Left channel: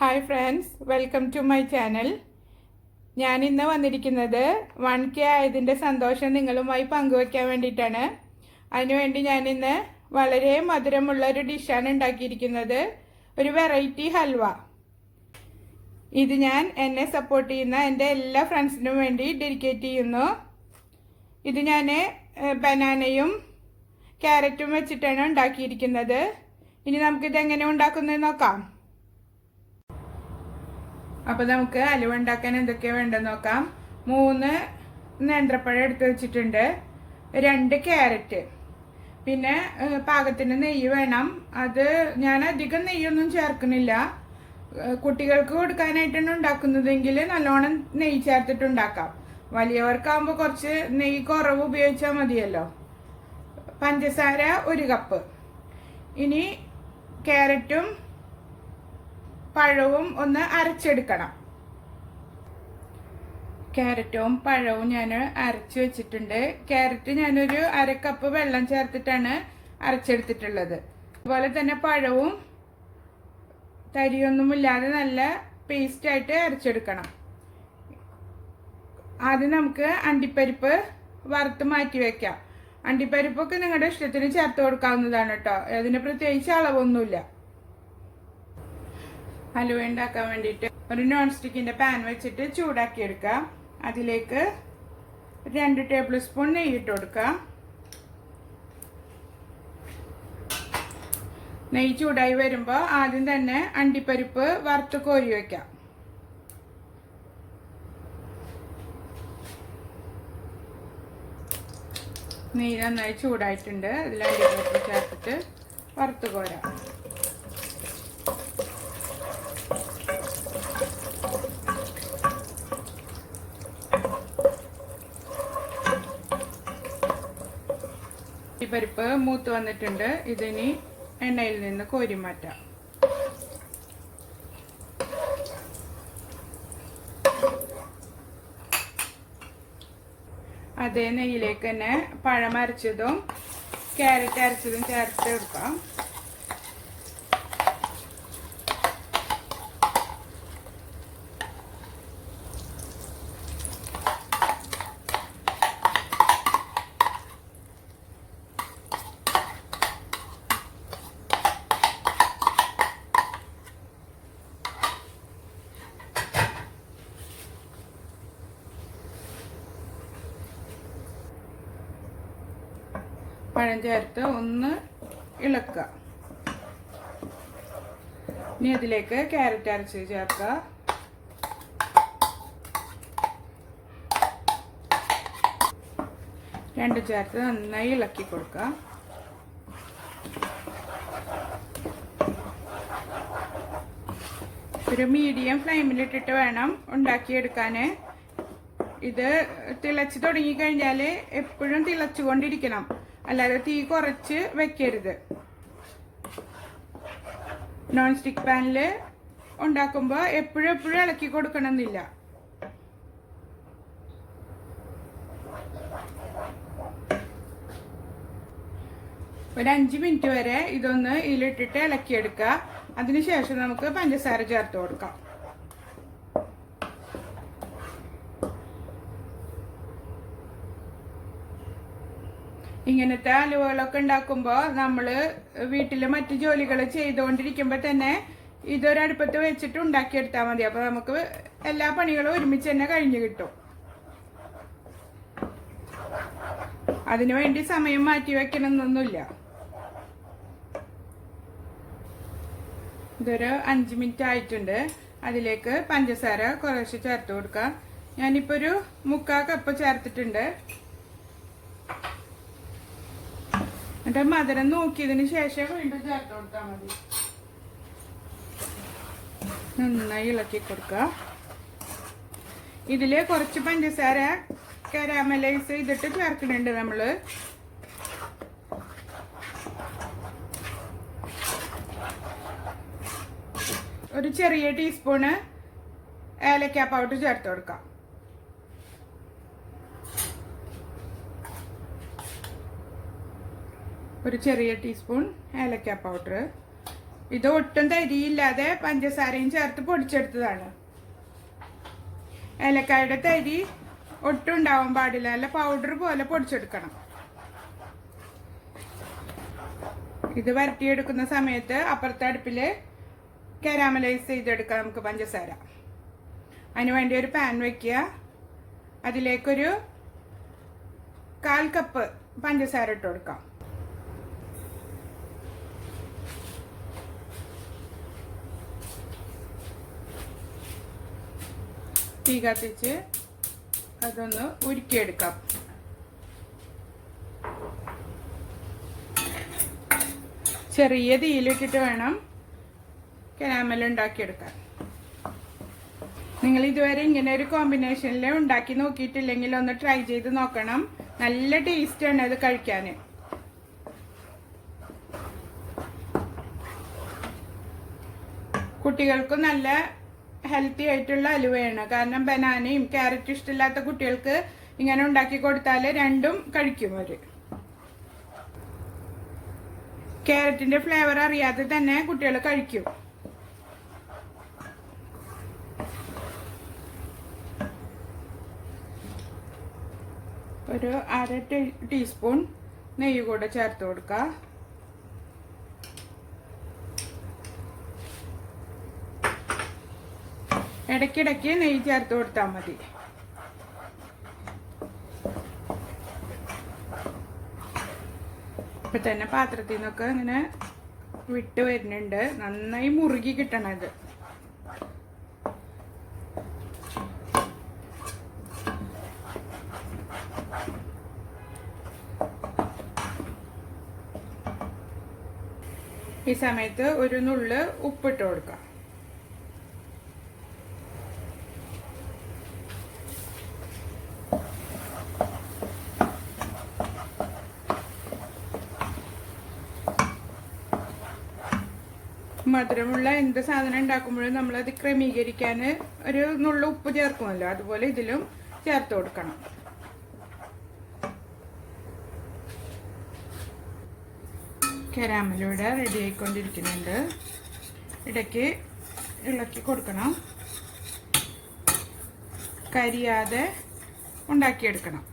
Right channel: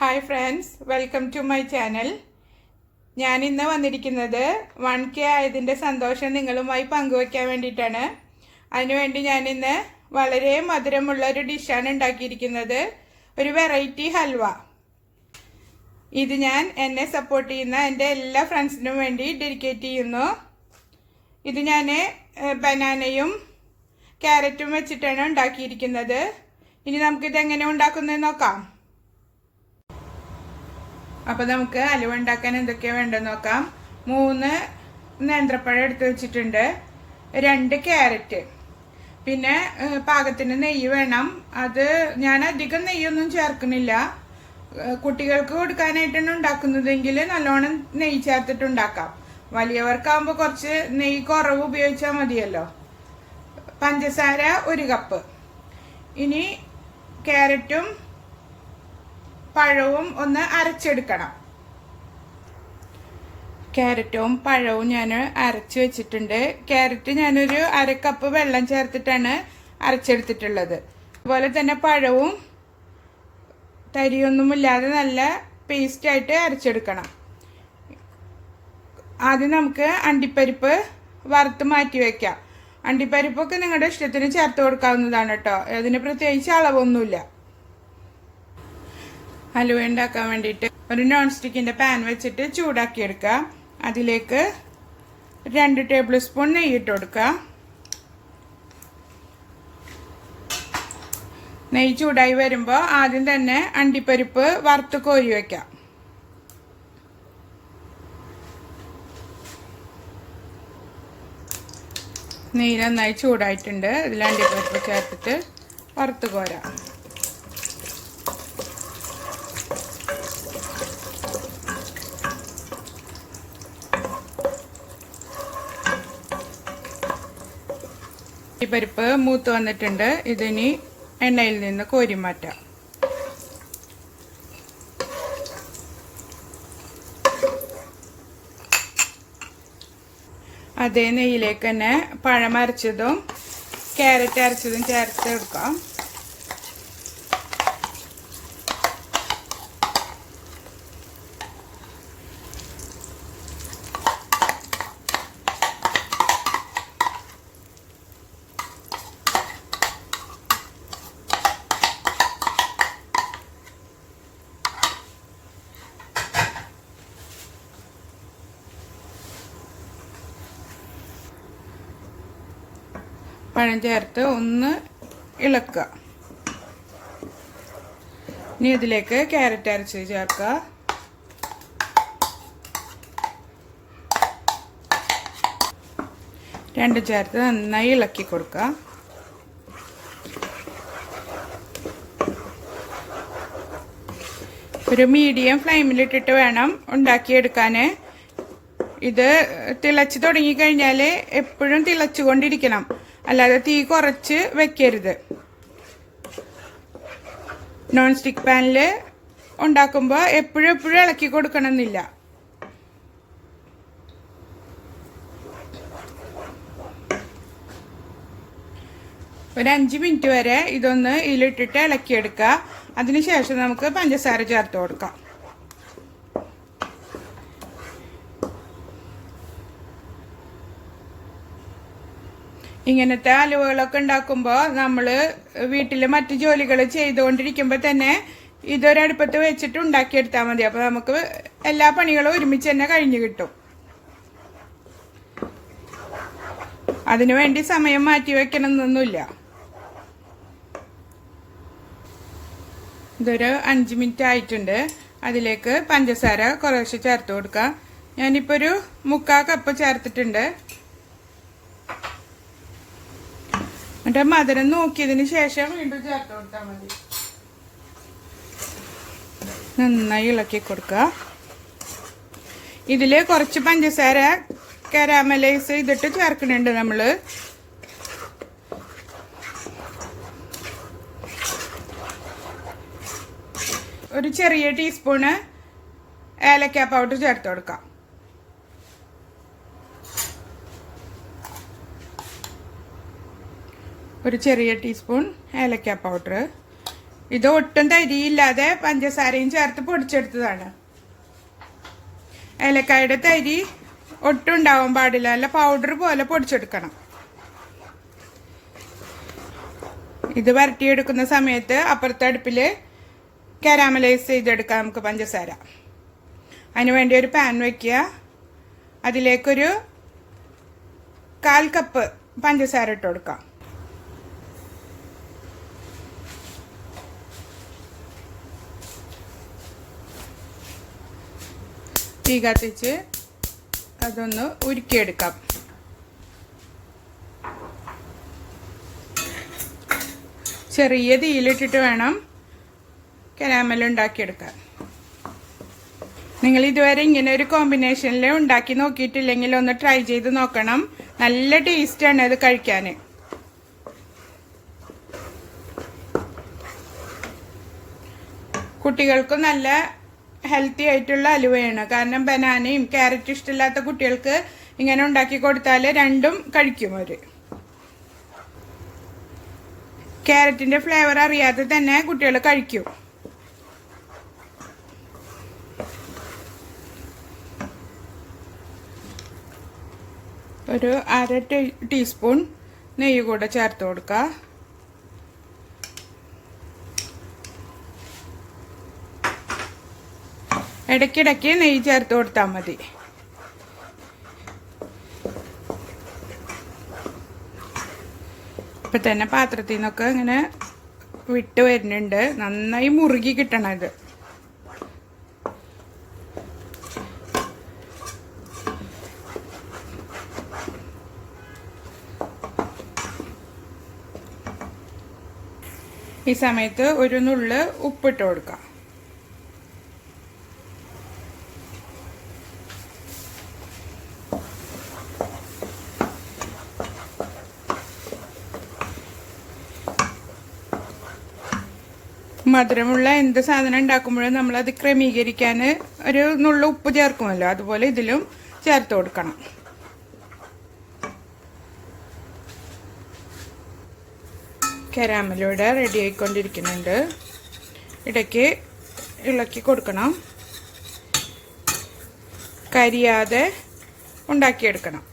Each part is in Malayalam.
Hi friends, welcome to my channel. ഞാൻ ഇന്ന് വന്നിരിക്കുന്നത് 1K ആയതിൻ്റെ സന്തോഷം നിങ്ങളുമായി പങ്കുവയ്ക്കാൻ വേണ്ടിയിട്ടാണ്. അതിനുവേണ്ടി ഞാനിന്ന് വളരെ മധുരമുള്ള ഒരു ഡിഷാണ് ഉണ്ടാക്കിയിരിക്കുന്നത്, ഒരു വെറൈറ്റി ഹൽവ. ഇത് ഞാൻ എന്നെ സപ്പോർട്ട് ചെയ്യുന്ന എൻ്റെ എല്ലാ ഫ്രണ്ട്സിനും വേണ്ടി ഡെഡിക്കേറ്റ് ചെയ്യുന്നു. ഇത് ഞാൻ ബനാനയും ക്യാരറ്റും വെച്ചിട്ടാണ് ഉണ്ടാക്കിയിരിക്കുന്നത്. ഇനി നമുക്കിതെങ്ങനെ ഉണ്ടാക്കുന്നത് നോക്കാം. അപ്പോൾ നമുക്ക് ഹലുവ ഉണ്ടാക്കാൻ എന്തൊക്കെയാണ് വേണ്ടതെന്ന് നോക്കാം. 3 നേന്ത്രപ്പഴം എടുത്ത് വെച്ചിട്ടുണ്ട്, 2 ക്യാരറ്റ്, പിന്നെ പാകത്തിന് നെയ്യ് വേണം. അത് ഞാൻ അധികം നെയ്യൊന്നും ചേർക്കുന്നില്ല. കുട്ടികൾക്ക് കൊടുക്കാനായിട്ടാണ് ഉണ്ടാക്കുന്നതെങ്കിൽ നല്ലോണം നെയ്യ് ചേർത്തിട്ട് ഉണ്ടാക്കാം. വലിയവർക്കാകുമ്പോൾ കുറച്ച് നെയ്യ് കുറവ് ഉപയോഗിച്ചാൽ മതിയല്ലോ. പഞ്ചസാര 1 കപ്പ്. ഇനി ക്യാരറ്റും പഴവും ഒന്ന് അരച്ചെടുക്കണം. ക്യാരറ്റും പഴവും ഞാൻ അരച്ച് വെച്ചിട്ടുണ്ട്. ക്യാരറ്റ് ഞാനൊരു 1/2 കപ്പ് വെള്ളം ചേർത്തിട്ടാണ് അരച്ചെടുത്തിട്ടുള്ളത്. അതുപോലെ തന്നെ പഴവും തരിയൊന്നുമില്ലാതെ നല്ല പേസ്റ്റായിട്ട് അരച്ചെടുക്കണം. ആദ്യം നമുക്ക് അണ്ടിപ്പരിപ്പ് വറുത്ത് മാറ്റി വയ്ക്കാം. അണ്ടിപ്പരിപ്പൊക്കെ നിങ്ങളുടെ ഇഷ്ടത്തിന് ചേർത്ത് കൊടുക്കാവുന്നതാണ് കേട്ടോ. അതിന് പ്രത്യേകിച്ച് അളവൊന്നുമില്ല. ഹലുവ ഉണ്ടാക്കാൻ വേണ്ടിയിട്ട് ഒരു നോൺ സ്റ്റിക്കിൻ്റെ പാൻ വെച്ചിട്ട് ചൂടാക്കി എടുക്കുക. അതിലേക്ക് 2 ടേബിൾ സ്പൂൺ നെയ്യ് ഇട്ട് കൊടുക്കുക. നെയ്യ് ചൂടായി വരുമ്പോൾ ആദ്യം തന്നെ അണ്ടിപ്പരിപ്പ് വറുത്ത് കോരി വയ്ക്കാം. നെയ്യ് നന്നായി ചൂടായിട്ടുണ്ട്. അതിൽ അണ്ടിപ്പരിപ്പ് ചേർത്തിട്ട് വറുത്ത് കോരാം. പരിപ്പ് മൂത്ത് വന്നിട്ടുണ്ട്. ഇതിനി എണ്ണയിൽ നിന്ന് കോരി മാറ്റാം. അതേ നെയ്യിലേക്ക് തന്നെ പഴം അരച്ചതും ക്യാരറ്റ് അരച്ചതും ചേർത്ത് എടുക്കാം. പഴം ചേർത്ത് ഒന്ന് ഇളക്കുക. ഇനി ഇതിലേക്ക് ക്യാരറ്റ് അരച്ച് ചേർക്കുക. രണ്ടും ചേർത്ത് നന്നായി ഇളക്കി കൊടുക്കുക. ഒരു മീഡിയം ഫ്ലെയിമിലിട്ടിട്ട് വേണം ഉണ്ടാക്കിയെടുക്കാൻ. ഇത് തിളച്ച് തുടങ്ങിക്കഴിഞ്ഞാൽ എപ്പോഴും തിളച്ചുകൊണ്ടിരിക്കണം, അല്ലാതെ തീ കുറച്ച് വെക്കരുത്. നോൺ സ്റ്റിക്ക് പാനിൽ ഉണ്ടാക്കുമ്പോൾ എപ്പോഴും ഇളക്കി കൊടുക്കണമെന്നില്ല. ഒരു 5 മിനിറ്റ് വരെ ഇതൊന്ന് ഇതിലിട്ടിട്ട് ഇളക്കിയെടുക്കുക. അതിനുശേഷം നമുക്ക് പഞ്ചസാര ചേർത്ത് കൊടുക്കാം. ഇങ്ങനത്തെ ഹലുവകളൊക്കെ ഉണ്ടാക്കുമ്പോൾ നമ്മൾ വീട്ടിൽ മറ്റു ജോലികൾ ചെയ്തുകൊണ്ടിരിക്കുമ്പോൾ തന്നെ ഇതൊരടുപ്പത്ത് വെച്ചിട്ട് ഉണ്ടാക്കിയെടുത്താൽ മതി. അപ്പോൾ നമുക്ക് എല്ലാ പണികളും ഒരുമിച്ച് തന്നെ കഴിഞ്ഞു കിട്ടും. അതിനു വേണ്ടി സമയം മാറ്റി വെക്കണമെന്നൊന്നുമില്ല. ഇതൊരു 5 മിനിറ്റ് ആയിട്ടുണ്ട്. അതിലേക്ക് പഞ്ചസാര കുറേശ്ശെ ചേർത്ത് കൊടുക്കാം. ഞാനിപ്പോൾ ഒരു 3/4 കപ്പ് ചേർത്തിട്ടുണ്ട്. എന്നിട്ട് മധുരം നോക്കിയതിന് ശേഷം വീണ്ടും ചേർത്ത് കൊടുത്താൽ മതി. നന്നായി ഇളക്കി കൊടുക്കുക. ഇതിൽ കുറച്ച് പഞ്ചസാര കാരാമലൈസ് ചെയ്തിട്ട് ചേർക്കുന്നുണ്ട് നമ്മൾ. ഒരു ചെറിയ ടീസ്പൂണ് ഏലക്ക പൗഡർ ചേർത്ത് കൊടുക്കാം. ഒരു ചെറിയ ടീസ്പൂൺ ഏലക്ക പൗഡർ. ഇത് ഒട്ടും തരിയില്ലാതെ പഞ്ചസാരയും ചേർത്ത് പൊടിച്ചെടുത്തതാണ്. ഏലക്കായുടെ തരി ഒട്ടും ഉണ്ടാവാൻ പാടില്ല, നല്ല പൗഡർ പോലെ പൊടിച്ചെടുക്കണം. ഇത് വരട്ടിയെടുക്കുന്ന സമയത്ത് അപ്പുറത്തെ അടുപ്പിൽ കാരാമലൈസ് ചെയ്തെടുക്കാം നമുക്ക് പഞ്ചസാര. അതിന് വേണ്ടി ഒരു പാൻ വയ്ക്കുക. അതിലേക്കൊരു 1/4 കപ്പ് പഞ്ചസാര ഇട്ട് കൊടുക്കാം. തീ കത്തിച്ച് അതൊന്ന് ഉരുക്കിയെടുക്കാം. ചെറിയ തീയിലിട്ടിട്ട് വേണം കാരാമൽ ഉണ്ടാക്കിയെടുക്കാൻ. നിങ്ങൾ ഇതുവരെ ഇങ്ങനെ ഒരു കോമ്പിനേഷനിൽ ഉണ്ടാക്കി നോക്കിയിട്ടില്ലെങ്കിൽ ഒന്ന് ട്രൈ ചെയ്ത് നോക്കണം. നല്ല ടേസ്റ്റാണ് അത് കഴിക്കാൻ. കുട്ടികൾക്ക് നല്ല ഹെൽത്തി ആയിട്ടുള്ള ഹലുവയാണ്. കാരണം ബനാനയും ക്യാരറ്റും ഇഷ്ടമില്ലാത്ത കുട്ടികൾക്ക് ഇങ്ങനെ ഉണ്ടാക്കി കൊടുത്താൽ രണ്ടും കഴിക്കും അവർ. ക്യാരറ്റിൻ്റെ ഫ്ലേവർ അറിയാതെ തന്നെ കുട്ടികൾ കഴിക്കും. ഒരു 1/2 ടീസ്പൂൺ നെയ്യ് കൂടെ ചേർത്ത് കൊടുക്കുക. ഇടയ്ക്കിടയ്ക്ക് നെയ്യ് ചേർത്ത് കൊടുത്താൽ മതി. ഇപ്പം തന്നെ പാത്രത്തിൽ നിന്നൊക്കെ ഇങ്ങനെ വിട്ട് വരുന്നുണ്ട്. നന്നായി മുറുകി കിട്ടണം ഇത്. ഈ സമയത്ത് ഒരു നുള്ള് ഉപ്പിട്ട് കൊടുക്കാം. മധുരമുള്ള എന്ത് സാധനം ഉണ്ടാക്കുമ്പോഴും നമ്മളത് ക്രമീകരിക്കാൻ ഒരു നുള്ളു ഉപ്പ് ചേർക്കുമല്ലോ, അതുപോലെ ഇതിലും ചേർത്ത് കൊടുക്കണം. കാരാമലൂടെ റെഡി ആയിക്കൊണ്ടിരിക്കുന്നുണ്ട്. ഇടയ്ക്ക് ഇളക്കി കൊടുക്കണം. കരിയാതെ ഉണ്ടാക്കിയെടുക്കണം.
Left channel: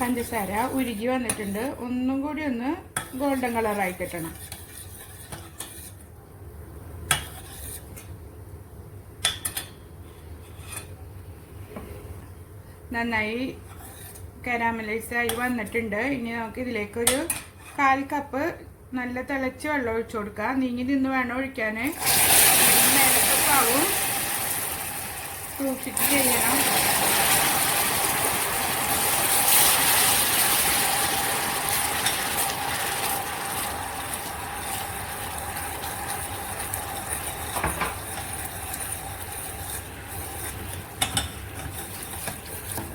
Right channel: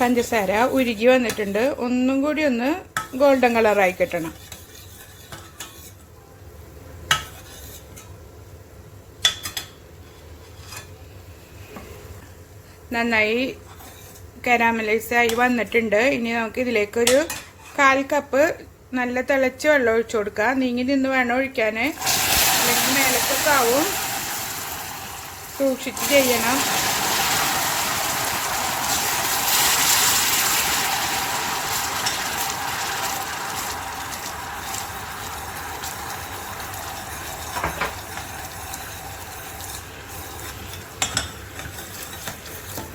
പഞ്ചസാര ഉരുകി വന്നിട്ടുണ്ട്. ഒന്നും കൂടി ഒന്ന് ഗോൾഡൻ കളറായി കിട്ടണം. നന്നായി കാരാമലൈസായി വന്നിട്ടുണ്ട്. ഇനി നമുക്ക് ഇതിലേക്കൊരു 1/4 കപ്പ് നല്ല തിളച്ച വെള്ളം ഒഴിച്ചു കൊടുക്കുക. നീങ്ങി നിന്ന് വേണം ഒഴിക്കാൻ, അല്ലെങ്കിൽ മേലത്തൊക്കെ ആവും. സൂക്ഷിച്ച് ചെയ്യണം.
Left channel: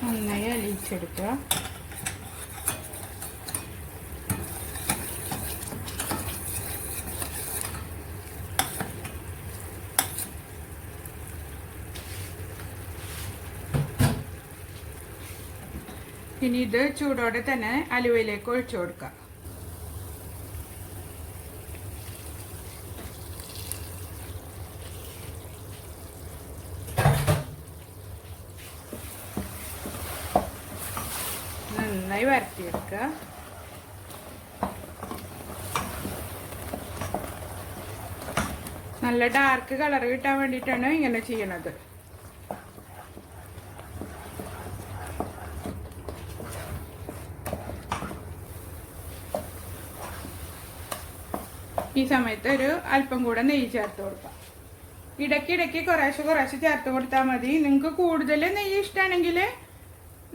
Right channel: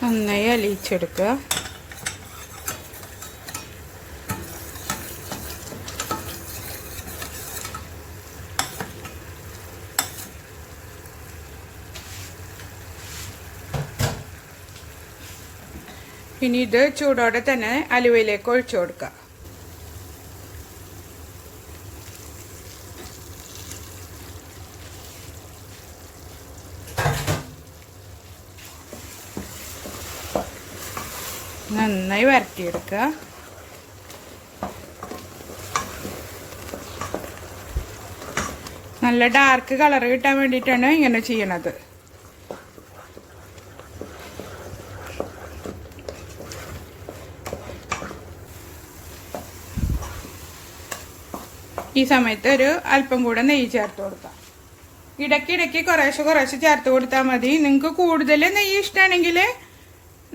നന്നായി അലിയിച്ചെടുക്കുക. ഇനി ഇത് ചൂടോടെ തന്നെ അലുവയിലേക്ക് ഒഴിച്ചു കൊടുക്കുക. നന്നായി വരട്ടിയെടുക്കുക. നല്ല ഡാർക്ക് കളർ കിട്ടാൻ വേണ്ടിയിട്ടാണ് ഇങ്ങനെ ചെയ്യണത്. ഈ സമയത്ത് ഒരു അല്പം കൂടെ നെയ്യ് ചേർത്ത് കൊടുക്കാം. ഇടയ്ക്കിടയ്ക്ക് കുറേശ്ശെ ചേർത്ത് കൊടുത്താൽ മതി. നിങ്ങൾക്ക് കൂടുതൽ നെയ്യ് ഇഷ്ടമാണെങ്കിൽ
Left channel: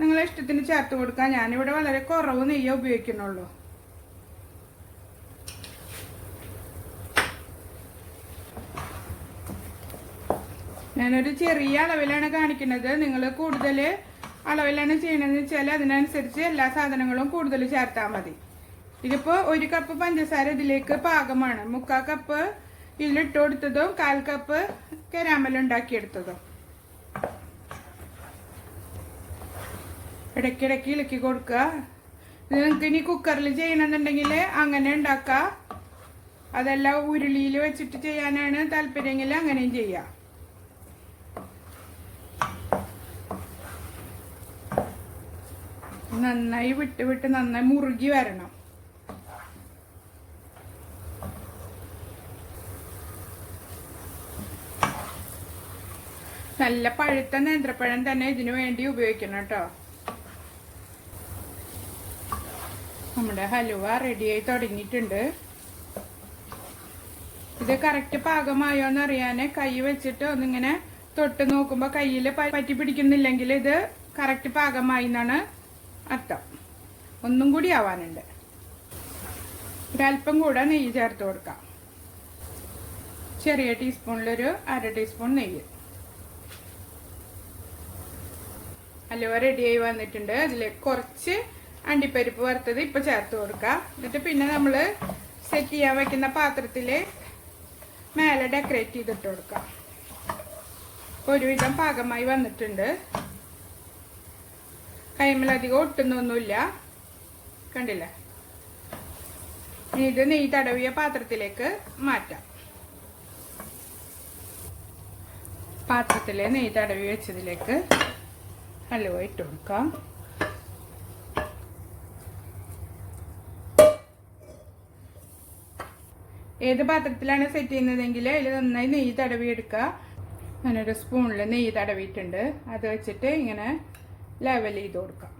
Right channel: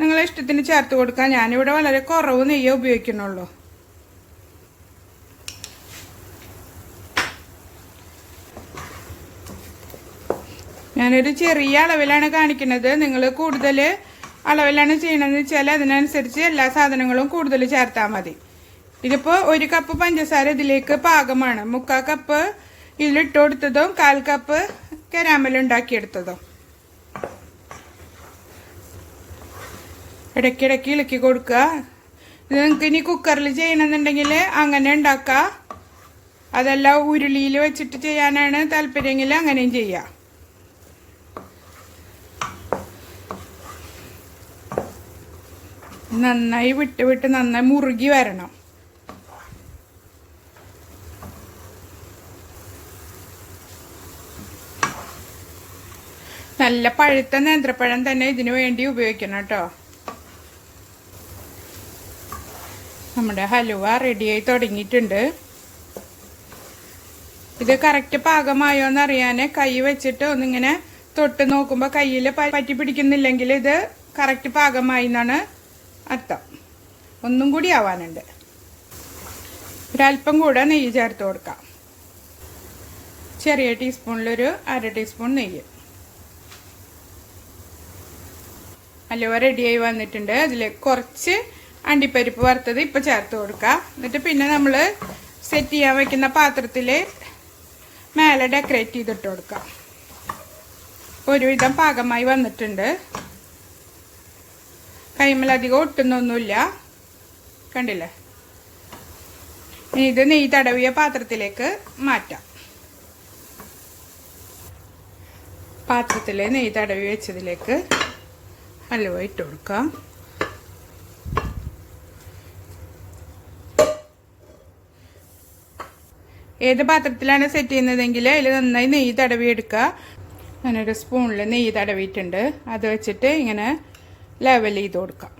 നിങ്ങളെ ഇഷ്ടത്തിന് ചേർത്ത് കൊടുക്കാം. ഞാനിവിടെ വളരെ കുറവ് നെയ്യേ ഉപയോഗിക്കുന്നുള്ളൂ. ഞാനൊരു ചെറിയ അളവിലാണ് കാണിക്കുന്നത്. നിങ്ങൾ കൂടുതൽ അളവിലാണ് ചെയ്യണമെന്ന് വെച്ചാൽ അതിനനുസരിച്ച് എല്ലാ സാധനങ്ങളും കൂടുതൽ ചേർത്താൽ മതി. ഇതിപ്പോൾ 1 കപ്പ് പഞ്ചസാര ഇതിലേക്ക് പാകമാണ്. 3/4 കപ്പ് ഇതിലിട്ട് കൊടുത്തതും 1/4 കപ്പ് കാരാമൽ ഉണ്ടാക്കിയെടുത്തതും. ഇടയ്ക്കിടയ്ക്ക് ഇളക്കി കൊടുക്കുക. ഇത് നിങ്ങൾക്ക് ഇനി കുക്കറിൽ ചെയ്യണമെന്നുണ്ടെങ്കിൽ അങ്ങനെ ഉണ്ടാക്കാം. അതല്ല ഉരുളിയിൽ വെച്ചിട്ട് ചെയ്യാനാണ് താല്പര്യമെങ്കിൽ അങ്ങനെയും ചെയ്യാം. നന്നായി വിട്ട് നന്നായി മുറുകി വരണം. നല്ല പഴുത്ത നേന്ത്രപ്പഴം തന്നെ ഇതിനു വേണ്ടി ഉപയോഗിക്കണം കേട്ടോ. നമ്മുടെ ഹലുവ റെഡിയായി തുടങ്ങിയിട്ടുണ്ട്. ഇത് കറക്റ്റ് പാകമായോ എന്ന് അറിയാൻ കൈ വെച്ചിട്ട് ഒന്നിങ്ങനെ തൊട്ട് നോക്കുമ്പോൾ കയ്യിൽ പറ്റി പിടിക്കുന്നില്ലെങ്കിൽ ഇത് കറക്റ്റ് പാകമായി എന്നാണ് അർത്ഥം. ഒന്നും കൂടി ആവാനുണ്ട്. ഒരല്പം കൂടെ നെയ്യ് ചേർത്ത് കൊടുക്കാം. ചെറിയ ടീസ്പൂണിലൊരു 1/2 ടീസ്പൂൺ നെയ്യ്. ഹലുവ റെഡിയായി വന്നിട്ടുണ്ട്. അതിലേക്ക് കുറച്ച് അണ്ടിപ്പരിപ്പ് വറുത്തത് ഇപ്പം ചേർത്ത് കൊടുക്കാം. എന്നിട്ട് പിന്നെ നമ്മൾ സെറ്റ് ചെയ്യാൻ വെക്കുന്ന പാത്രത്തിൽ മേലെ ഡെക്കറേറ്റ് ചെയ്തിട്ട് കൊടുക്കാം. ഒരുവിധം പാകമായി വന്നിട്ടുണ്ട്. കൈമലധികം ഒട്ടുന്നൊന്നുമില്ല, കണ്ടില്ലേ? ഇനി ഇത് നെയ്യ് തടവിയ പാത്രത്തിലേക്ക് മാറ്റാം. പാത്രത്തിൽ നെയ്യ് തടവി വെച്ചതിലേക്ക് ഹലുവ ഇട്ട് കൊടുക്കാം. ഏത് പാത്രത്തിലാണ് സെറ്റ് ചെയ്യുന്നതെങ്കിൽ അതിൽ നന്നായി നെയ്യ് തടവി എടുക്കുക. ഞാനൊരു സ്പൂണിൽ നെയ്യ് തടവിയിട്ടുണ്ട്. അത് വെച്ചിട്ട് ഇങ്ങനെ ലെവൽ ചെയ്ത് കൊടുക്കാം.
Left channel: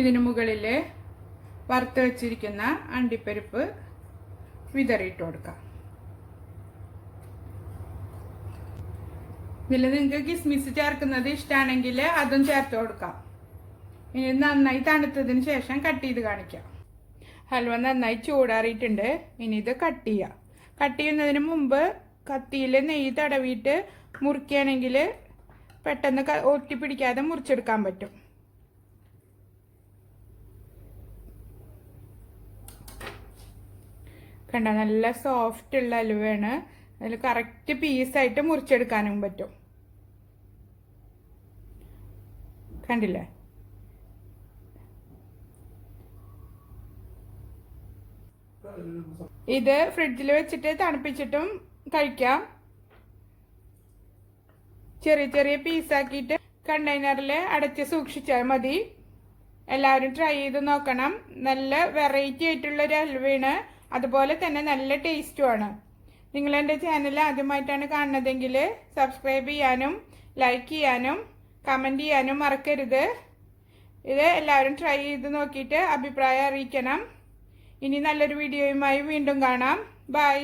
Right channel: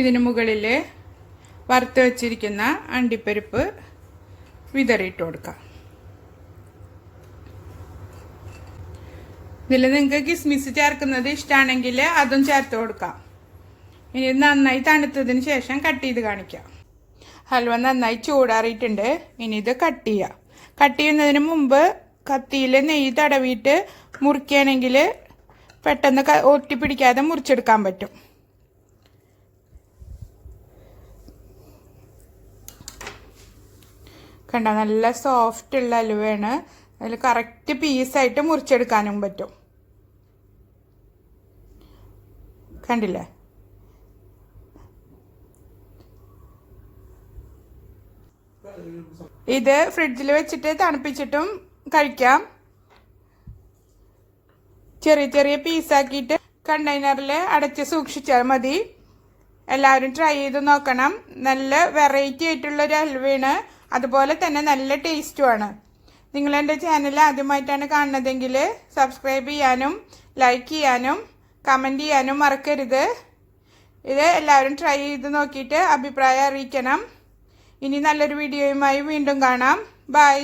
ഇതിന് മുകളിൽ വറുത്ത് വെച്ചിരിക്കുന്ന അണ്ടിപ്പരിപ്പ് വിതറിയിട്ട് കൊടുക്കാം. ഇതിൽ നിങ്ങൾക്ക് കിസ്മിസ് ചേർക്കുന്നത് ഇഷ്ടമാണെങ്കിൽ അതും ചേർത്ത് കൊടുക്കാം. ഇനി നന്നായി തണുത്തതിന് ശേഷം കട്ട് ചെയ്ത് കാണിക്കാം. ഹൽവ നന്നായി ചൂടാറിയിട്ടുണ്ട്. ഇനി ഇത് കട്ട് ചെയ്യാം. കട്ട് ചെയ്യുന്നതിന് മുമ്പ് കത്തിയിൽ നെയ്യ് തടവിയിട്ട് മുറിക്കുകയാണെങ്കിൽ പെട്ടെന്ന് ഒട്ടിപ്പിടിക്കാതെ മുറിച്ചെടുക്കാൻ പറ്റും. കണ്ട, നല്ല സോഫ്റ്റ് ഉള്ള ഹലുവയാണ്. അതിൽ കറക്റ്റ് പീസായിട്ട് മുറിച്ചെടുക്കാനും പറ്റും. കണ്ടില്ലേ? ഇത് ഫ്രിഡ്ജിൽ വെച്ചിട്ട് തണുപ്പിച്ചിട്ടും കഴിക്കാം. ചെറിയ ചെറിയ പീസാക്കിയിട്ട് കണ്ടെയ്നറിൽ അടച്ച് സൂക്ഷിച്ചാൽ മതി. എല്ലാവരും ട്രൈ ചെയ്ത് നോക്കണം. നല്ല വെറൈറ്റി ആയിട്ടുള്ളൊരു ഹൽവയാണ്. അതുപോലെ തന്നെ നല്ല ടേസ്റ്റുമാണ്. നിങ്ങൾ എൻ്റെ ചാനൽ ആദ്യമായിട്ടാണ് കാണുന്നതെങ്കിൽ സബ്സ്ക്രൈബ് ചെയ്യാനും ലൈക്ക് ചെയ്യാനും കമൻറ്റ് ചെയ്യാനും മറക്കരുത്. ഇത് എല്ലാവരും ട്രൈ ചെയ്ത് നോക്കിയിട്ട് അഭിപ്രായം അറിയിക്കണം. ഇനി നല്ലൊരു വീഡിയോയുമായി വീണ്ടും കാണാം. ബൈ.